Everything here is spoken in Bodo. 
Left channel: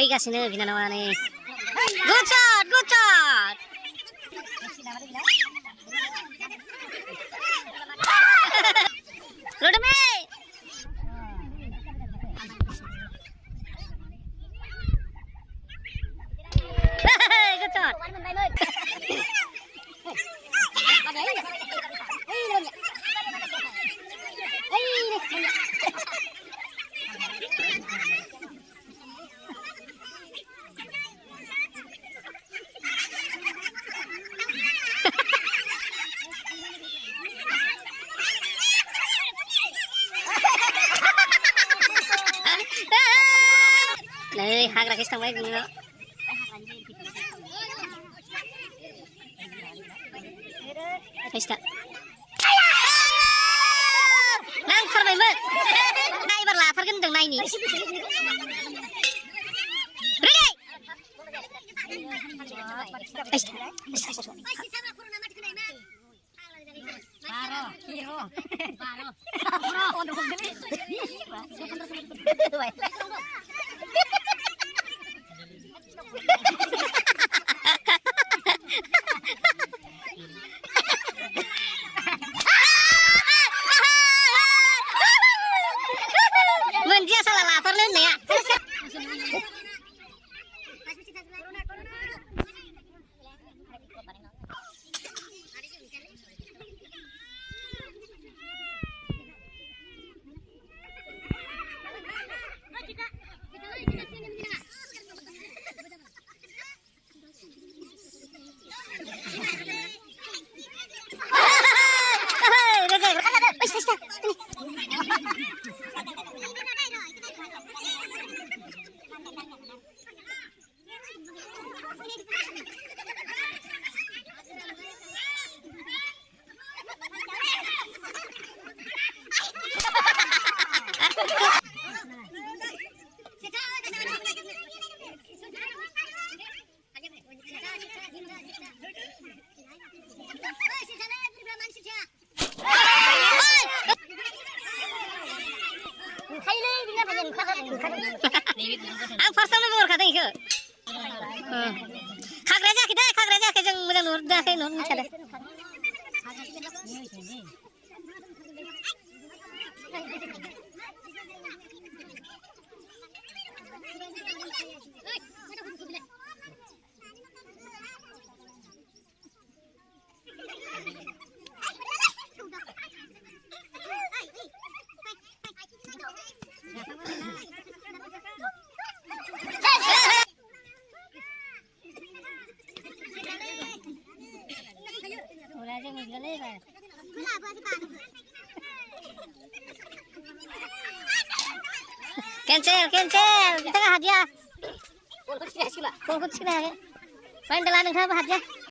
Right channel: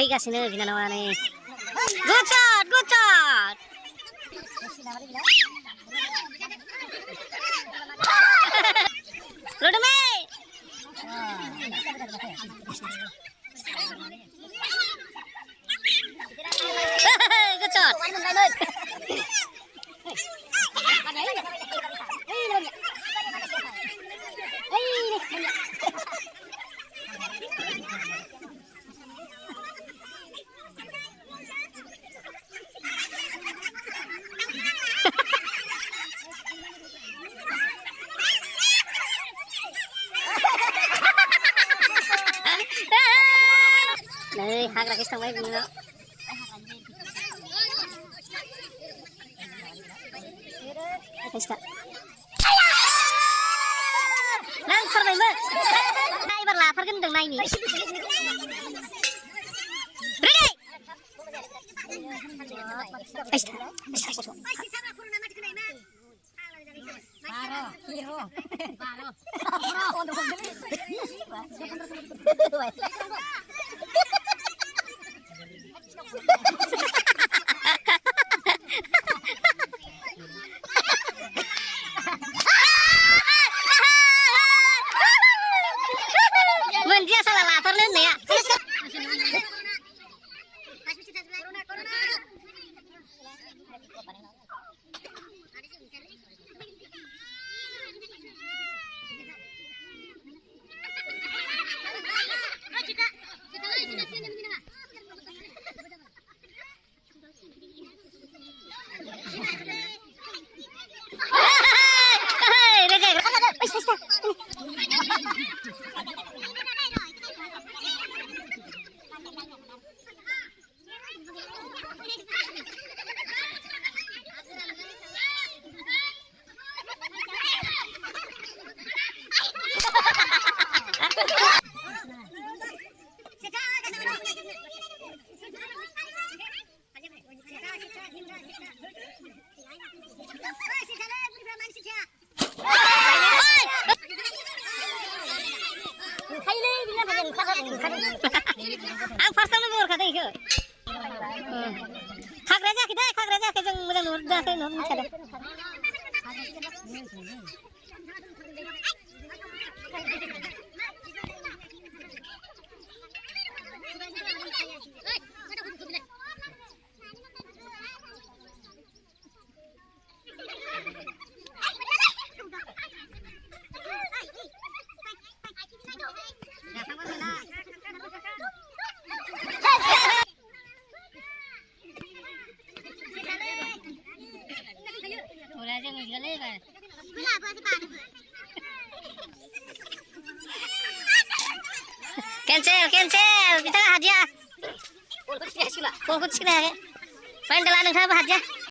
फैगासिनो बिनानावा नै गुड शट रोडमे गुड शट नै हाग्राखैसो थांबाय बिनानाव नांथारबायमोन एबार लाथारगोन होनदों नायनि मोनदिया salah latarnya nih ya. Ang farsanya luar kata itu. Kagranya kita yang mudah nur dah kayak nur macam cancel kita hadiah. Polkut sila. Main dalam nang hadiah.